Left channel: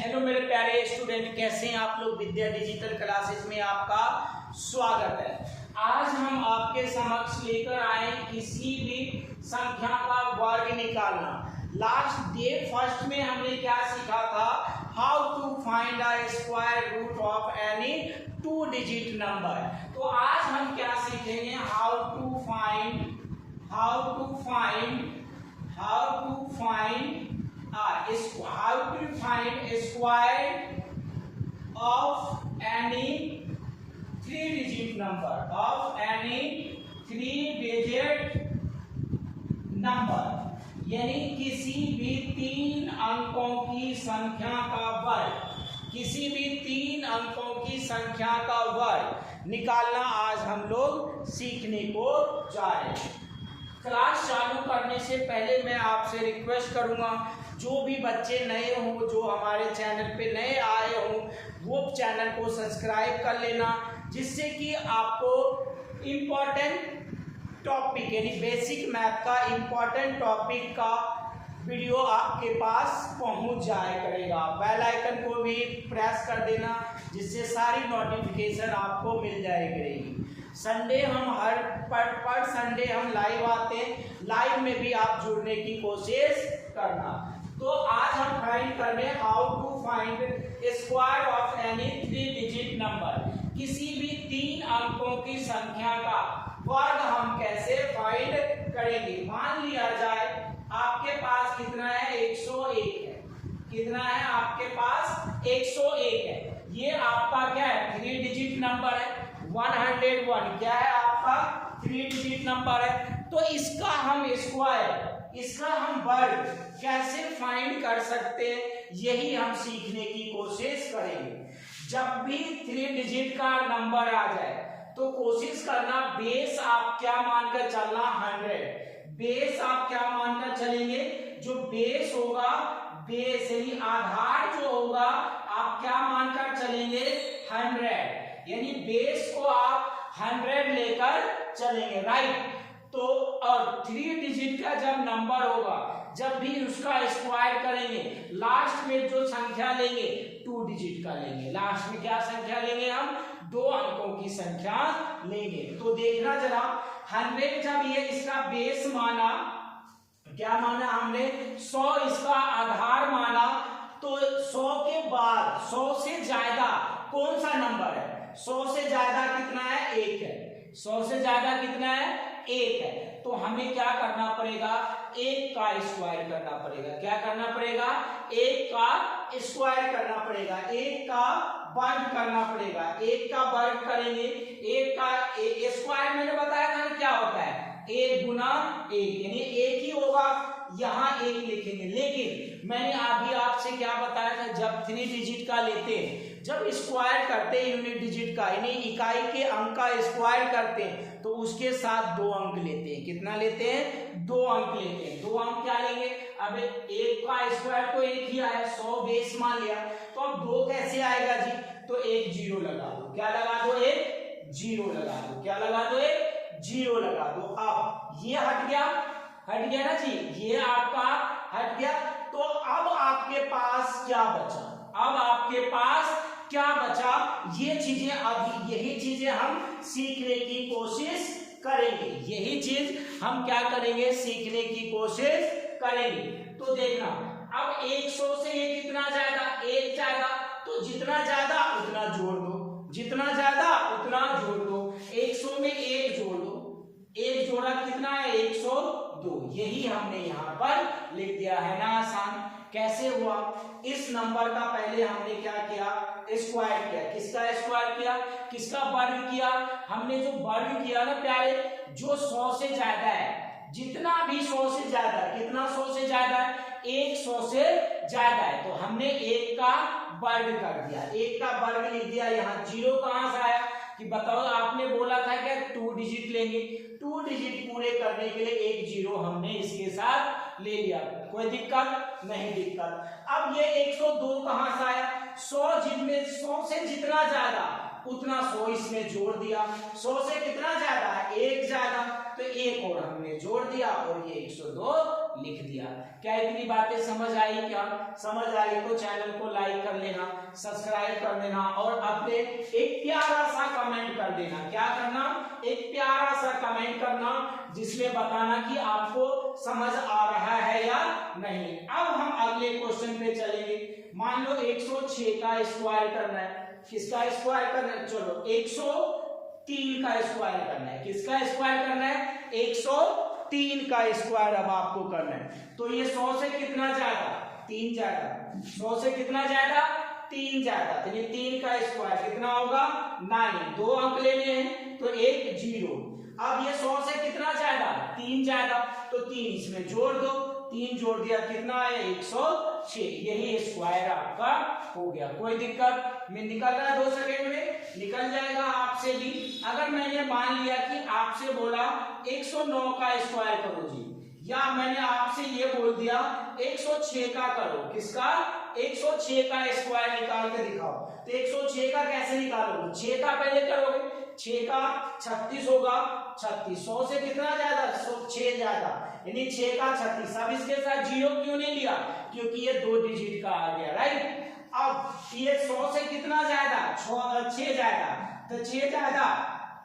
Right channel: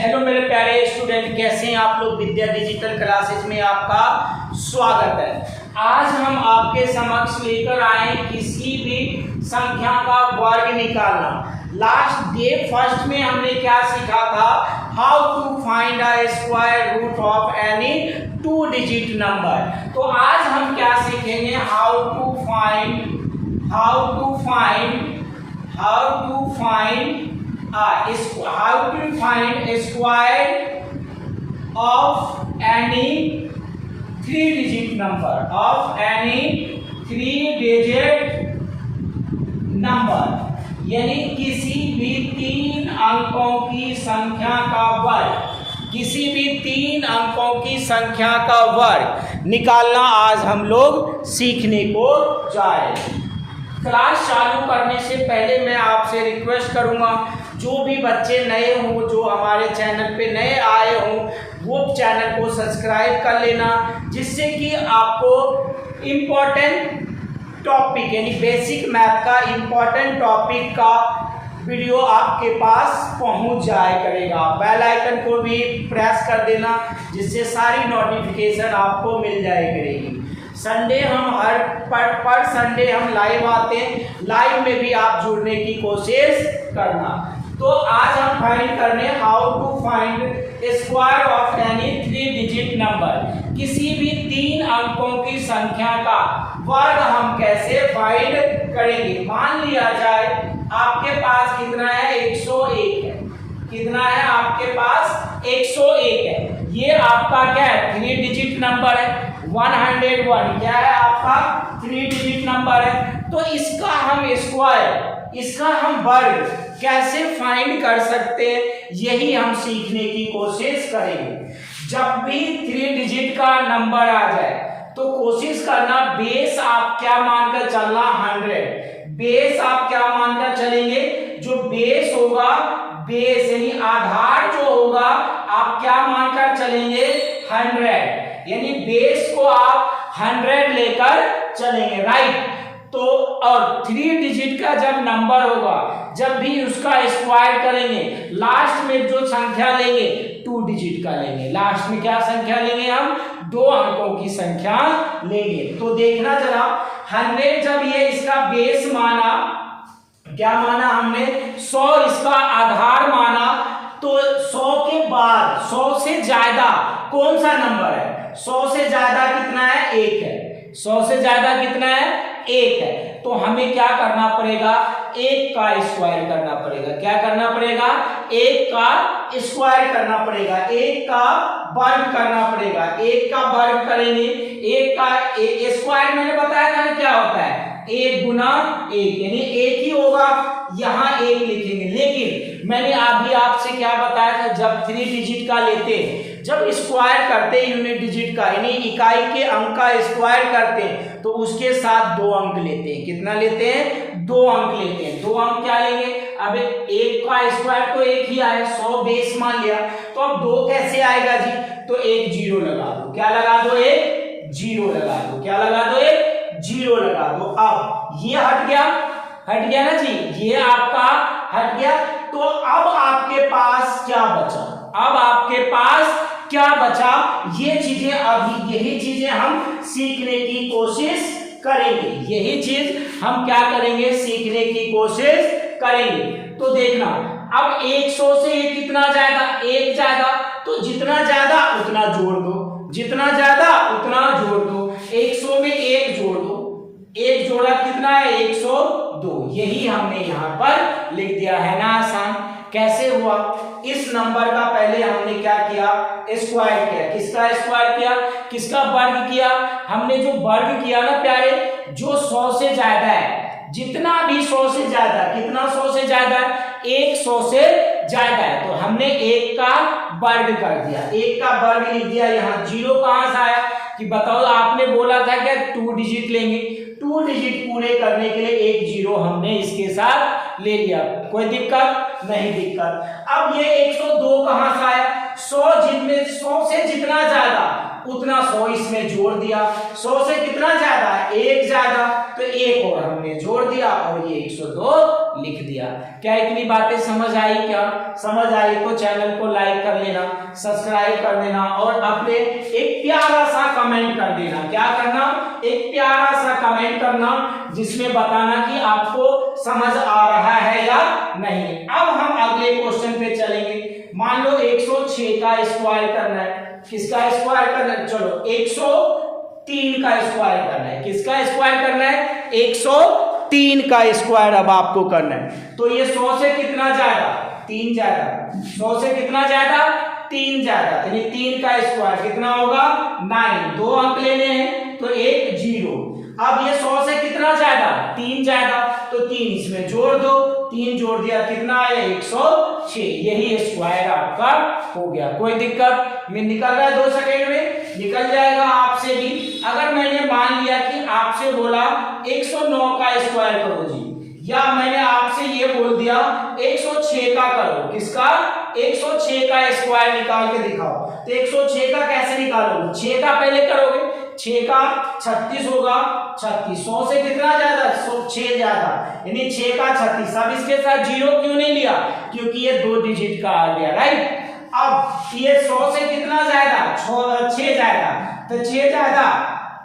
Hello मेरे प्यारे student, कैसे हैं आप लोग। विद्या डिजिटल क्लासेस में आपका स्वागत है। आज हम आपके समक्ष लेकर आए किसी भी संख्या का वर्ग निकालना। लास्ट डे फर्स्ट में हमने क्या सीखा था, how to find a square root of any 2 digit number. तो आज हम क्या सीखेंगे, how to find square of any 3 digit number, यानी किसी भी 3 अंकों की संख्या का वर्ग, किसी भी 3 अंकों की संख्या का वर्ग निकालना आज हम लोग सीखने को जा रहे हैं। क्लास चालू करने से पहले मैं आपसे रिक्वेस्ट करूंगा, जो भी बच्चे नए हों, जो हमारे चैनल पे नए आए हों, वो चैनल को सब्सक्राइब कर लेना, जिससे कि आपको इम्पोर्टेंट टॉपिक यानी बेसिक मैथ का इम्पोर्टेंट टॉपिक का वीडियो आपके पास पहुंच जाया करेगा। बेल आइकन को भी प्रेस कर देना, जिससे सारी नोटिफिकेशन आपको मिल जाया करेगी। संडे हम पर संडे हम लाइव आते हैं, लाइव में भी आप जुड़ने की कोशिश करना। तो आज हम फाइंड करने how to find square of any 3 digit number, किसी भी 3 अंकों की संख्या का वर्ग हम कैसे फाइंड करेंगे। मान लिया जाए आपके पास कितना है, 101 है। कितना है आपके पास, 101 है। ये आपका क्या है, 3 डिजिट नंबर है। 101 क्या है आपका, 3 डिजिट नंबर है। तो इसका हम स्क्वायर, इसका हम वर्ग कैसे फाइंड कर सकते हैं, यही हम सीखने की कोशिश करेंगे। जब भी 3 डिजिट का नंबर आ जाए तो कोशिश करना, बेस आप क्या मानकर चलना, 100। बेस आप क्या मानकर चलेंगे, जो बेस होगा, बेस यानी आधार जो होगा, आप क्या मानकर चलेंगे, 100। यानी बेस को आप 100 लेकर चलेंगे, राइट। तो और 3 डिजिट का जब नंबर होगा, जब भी उसका स्क्वायर करेंगे, लास्ट में जो संख्या लेंगे 2 डिजिट का लेंगे। लास्ट में क्या संख्या लेंगे हम, 2 अंकों की संख्या लेंगे। तो देखना जरा, 100 जब ये इसका बेस माना, क्या माना हमने, 100 इसका आधार माना, तो 100 के बाद 100 से ज्यादा कौन सा नंबर है, 100 से ज्यादा कितना है, 1 है। 100 से ज्यादा कितना है, 1 है। तो हमें क्या करना पड़ेगा, 1 का स्क्वायर करना पड़ेगा। क्या करना पड़ेगा, 1 का स्क्वायर करना पड़ेगा, 1 का वर्ग करना पड़ेगा। 1 का वर्ग करेंगे, 1 का स्क्वायर मैंने बताया था क्या होता है, 1 गुना 1, यानी 1 ही होगा, यहाँ 1 लिखेंगे। लेकिन मैंने अभी आपसे क्या बताया था, जब 3 डिजिट का लेते हैं, जब स्क्वायर करते हैं यूनिट डिजिट का, यानी इकाई के अंक का स्क्वायर करते हैं, तो उसके साथ 2 अंक लेते हैं। कितना लेते हैं, 2 अंक लेते हैं। 2 अंक क्या लेंगे, अब 1 का स्क्वायर तो 1 ही आया, 100 बेस मान लिया, तो अब 2 कैसे आएगा जी, तो 1 जीरो लगा दो। क्या लगा दो, 1 जीरो लगा दो। क्या लगा दो, 1 जीरो लगा दो। अब ये हट गया ना जी, ये आपका हट गया। तो अब आपके पास क्या बचा, अब आपके पास क्या बचा, ये चीजें, अभी यही चीजें हम सीखने की कोशिश करेंगे। यही चीज हम क्या करेंगे, सीखने की कोशिश करेंगे। तो देखना, अब 100 से ये कितना ज्यादा, 1 ज्यादा, तो जितना ज्यादा उतना जोड़ दो, जितना ज्यादा उतना जोड़ दो। 100 में 1 जोड़ दो, 1 जोड़ा कितना है, 102। यही हमने यहाँ पर लिख दिया है ना, आसान। कैसे हुआ, इस नंबर का पहले हमने क्या किया, स्क्वायर किया। किसका स्क्वायर किया, किसका वर्ग किया, हमने जो वर्ग किया ना प्यारे, जो 100 से ज्यादा है, जितना भी 100 से ज्यादा, कितना 100 से ज्यादा है, 100 से ज्यादा है, तो हमने 1 का वर्ग कर दिया, 1 का वर्ग लिख दिया। यहाँ 0 कहां से आया, कि बताओ, आपने बोला था क्या 2 डिजिट लेंगे, 2 डिजिट पूरे करने के लिए 1 जीरो हमने इसके साथ ले लिया। कोई दिक्कत नहीं, दिक्कत। अब ये 102 कहां से आया, 100 जिनमें 100 से जितना ज्यादा उतना 100 इसमें जोड़ दिया। 100 से कितना ज्यादा, 1 ज्यादा, तो 1 और हमने जोड़ दिया और ये 102 लिख दिया। क्या इतनी बातें समझ आई? क्या समझ आई तो चैनल को लाइक कर लेना, सब्सक्राइब कर देना और अपने एक प्यारा सा कमेंट कर देना। क्या करना? एक प्यारा सा कमेंट करना जिसमें बताना कि आपको समझ आ रहा है या नहीं। अब हम अगले क्वेश्चन पे चलेंगे। मान लो 106 का स्क्वायर करना है। किसका स्क्वायर करना है? चलो 103 का स्क्वायर करना है। किसका स्क्वायर करना है? 103 का स्क्वायर अब आपको करना है। तो ये 100 से कितना ज्यादा? 3 ज्यादा। 100 से कितना ज्यादा? 3 ज्यादा। तो ये 3 का स्क्वायर कितना होगा? 9। 2 अंक लेने हैं तो 1 0। अब ये 100 से कितना ज्यादा? 3 ज्यादा। तो 3 इसमें जोड़ दो, 3 जोड़ दिया कितना आया? 106। यही स्क्वायर आपका हो गया। कोई दिक्कत में निकल रहा है? 2 सेकंड में निकल जाएगा आपसे भी। अगर मैंने मान लिया कि आपसे बोला 109 का स्क्वायर करो जी, या मैंने आपसे ये बोल दिया 106 का करो। किसका? 106 का स्क्वायर निकाल के दिखाओ। तो 106 का कैसे निकालोगे? 6 का पहले करोगे। 6 का 36 होगा। 36 100 से कितना ज्यादा? 6 ज्यादा, यानी 6 का 36। अब इसके साथ 0 क्यों नहीं लिया? क्योंकि ये 2 डिजिट का आ गया, राइट। अब ये 100 से कितना ज्यादा? 6 ज्यादा। तो 6 ज्यादा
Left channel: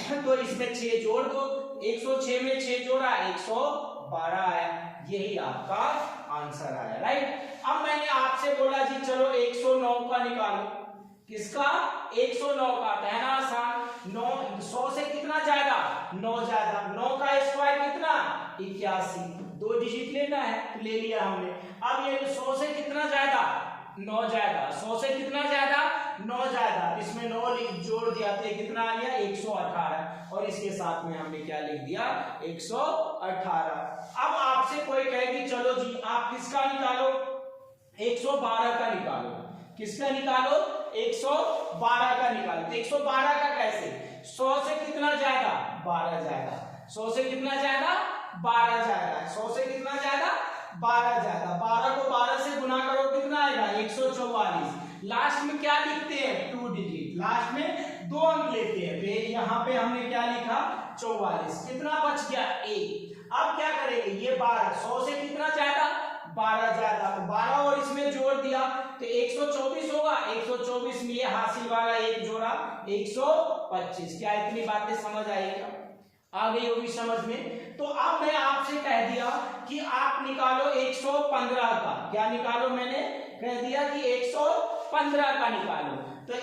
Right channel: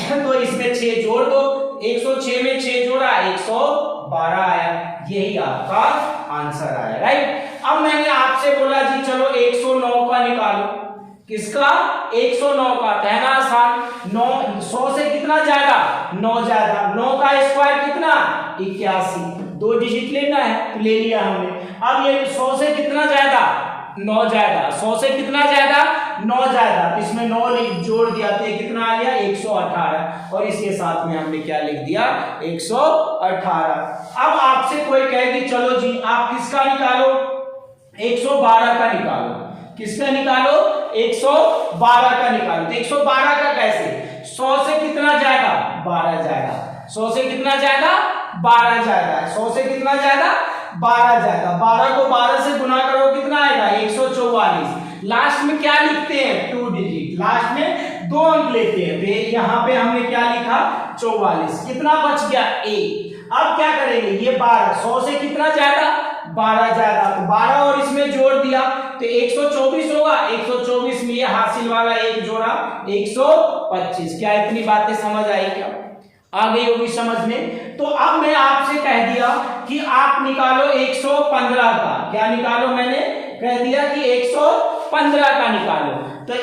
तो इसमें 6 जोड़ दो। 106 में 6 जोड़ा 112 आया। यही आपका आंसर आया, राइट। अब मैंने आपसे बोला जी चलो 109 का निकालो। किसका? 109 का। कहना आसान। 9 100 से कितना ज्यादा? 9 ज्यादा। 9 का स्क्वायर कितना? 81। 2 डिजिट लेना है तो ले लिया हमने। अब ये 100 से कितना ज्यादा? 9 ज्यादा। 100 से कितना ज्यादा? 9 ज्यादा। तो इसमें 9 जोड़ दिया तो कितना आ गया? 118। और इसके साथ में हमने क्या लिख दिया? 118। अब आपसे कोई कहेगी चलो जी आप किसका निकालो? 112 का निकालो। किसका निकालो? 112 का निकालो। तो 112 का कैसे? 100 से कितना ज्यादा? 12 ज्यादा। 100 से कितना ज्यादा? 12 ज्यादा। 100 से कितना ज्यादा? 12 ज्यादा। 12 को 12 से गुना करो कितना आएगा? 144। लास्ट में क्या लिखते हैं? 2 डिजिट। लास्ट में 2 अंक लेते हैं। यहाँ पे हमने क्या लिखा? 44। कितना बच गया? 1। अब क्या करेंगे? ये 12 100 से कितना ज्यादा? 12 ज्यादा। तो 12 और इसमें जोड़ दिया तो 124 होगा। 124 में ये हासिल वाला 1 जोड़ा 125। क्या इतनी बातें समझ आई? क्या आ गई होगी समझ में? तो अब मैं आपसे कह दिया कि आप निकालो 115 का। क्या निकालो? मैंने कह दिया कि 115 का निकालो। तो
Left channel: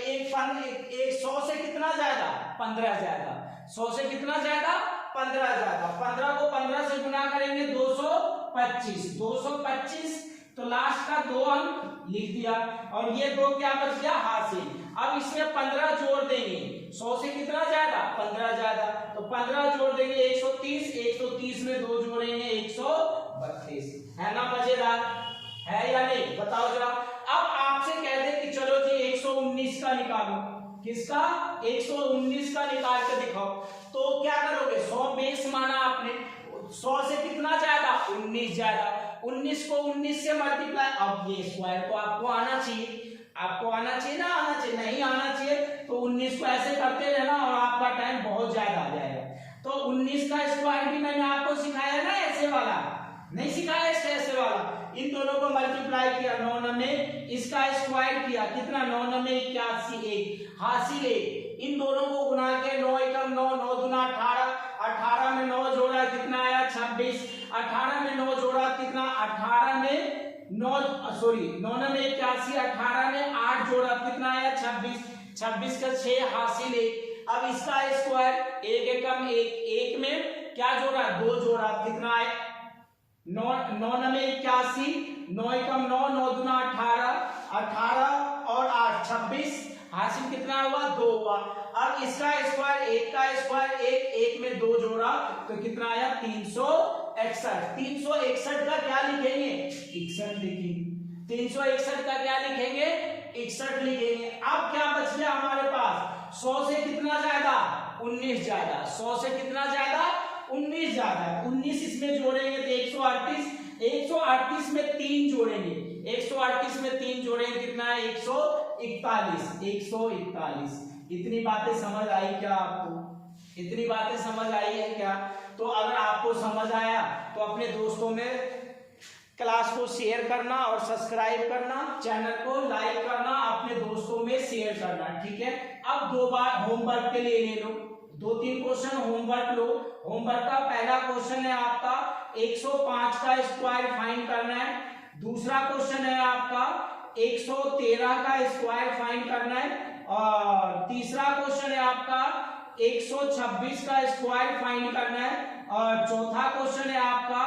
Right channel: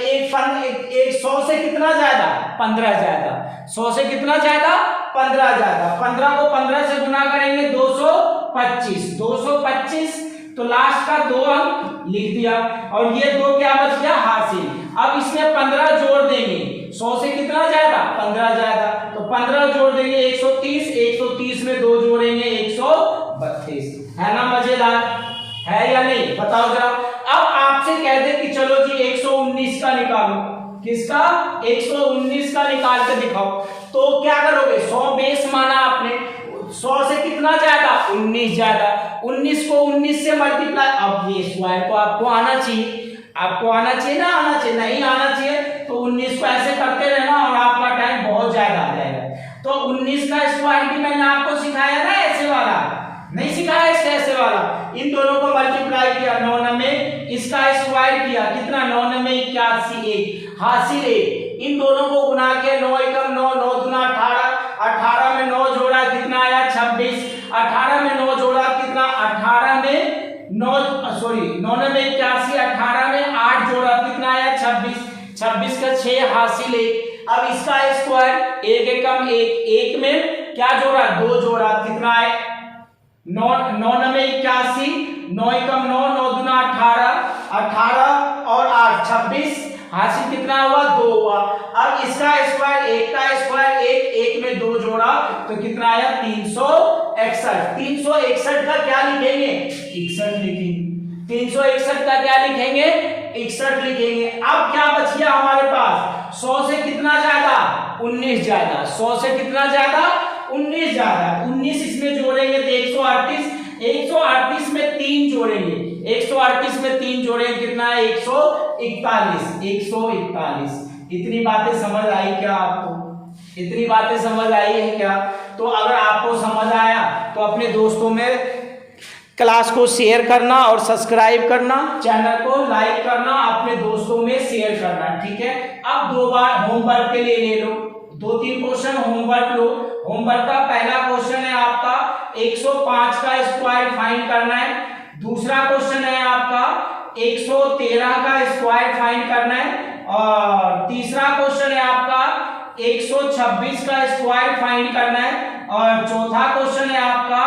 100 से कितना ज्यादा? 15 ज्यादा। 100 से कितना ज्यादा? 15 ज्यादा। 15 को 15 से गुना करेंगे 225। 225 तो लास्ट का 2 अंक लिख दिया और ये 2 क्या बच गया? हासिल। अब इसमें 15 जोड़ देंगे। 100 से कितना ज्यादा? 15 ज्यादा। तो 15 जोड़ देंगे 130। 130 में 2 जोड़ेंगे 132। है ना मजेदार? है या नहीं? बताओ जरा। अब आपसे कह दे कि चलो जी 119 का निकालो। किसका? 119 का निकाल के दिखाओ। तो क्या करोगे? 100 बेस माना आपने। 100 से कितना ज्यादा? 19 ज्यादा। 19 को 19 से मल्टीप्लाई। अब ये स्क्वायर को आपको आना चाहिए। आपको आना चाहिए ना? आना चाहिए। नहीं आना चाहिए तो 19 को ऐसे करते रहना और आपका टाइम बहुत ज्यादा आ जाएगा। तो 19 का स्क्वायर भी मैंने आपको सिखाया ना, ऐसे वाला नहीं सिखाया, इससे ऐसे वाला। इन दोनों को मल्टीप्लाई किया 9 में, इसका स्क्वायर किया कितना? 9 में 81 1 हासिल 1। इन दोनों को गुना के 9 एकम 9 9 दूना 18। 18 में 9 जोड़ा कितना आया? 26। 18 में 9 जोड़ा कितना? 18 में 9 में 81। 18 में 8 जोड़ा कितना आया? 26। 26 का 6 हासिल 1। अब इसका स्क्वायर 1 एकम 1। 1 में क्या जोड़ा? 2 जोड़ा कितना है? 9 में 81। 9 एकम 9 9 दूना 18। 18 और 8 26 हासिल कितना हुआ? 2 हुआ। अब इसका स्क्वायर 1 का स्क्वायर 1। 1 में 2 जोड़ा तो कितना आया? 361। 361 का क्या लिखेंगे? 61 लिखेंगे। 361 का क्या लिखेंगे? 61 लिखेंगे। अब क्या बच गया हमारे पास? 100 से कितना ज्यादा? 19 ज्यादा। 100 से कितना ज्यादा? 19 ज्यादा। 19 इसमें जोड़ेंगे तो 138। 138 में 3 जोड़ेंगे। 138 में 3 जोड़ेंगे कितना है? 141। 141। इतनी बातें समझ आई क्या आपको? इतनी बातें समझ आई है क्या? तो अगर आपको समझ आया तो अपने दोस्तों में क्लास को शेयर करना और सब्सक्राइब करना, चैनल को लाइक करना, अपने दोस्तों में शेयर करना, ठीक है। अब 2 बार होमवर्क के लिए ले लो, 2-3 क्वेश्चन होमवर्क लो। होमवर्क का पहला क्वेश्चन है आपका 105 का स्क्वायर फाइंड करना है। दूसरा क्वेश्चन है आपका 113 का स्क्वायर फाइंड करना है। और तीसरा क्वेश्चन है आपका 126 का स्क्वायर फाइंड करना है। और चौथा क्वेश्चन है आपका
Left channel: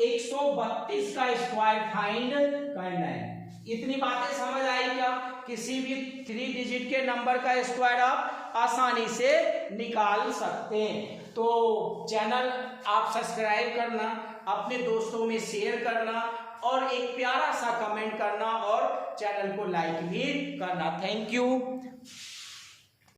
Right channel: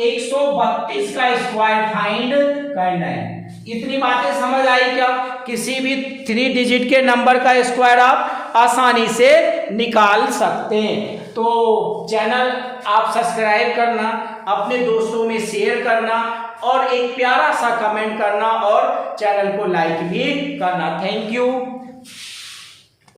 132 का स्क्वायर फाइंड करना है। इतनी बातें समझ आई क्या? किसी भी 3 डिजिट के नंबर का स्क्वायर आप आसानी से निकाल सकते हैं। तो चैनल आप सब्सक्राइब करना, अपने दोस्तों में शेयर करना और एक प्यारा सा कमेंट करना और चैनल को लाइक भी करना। Thank you.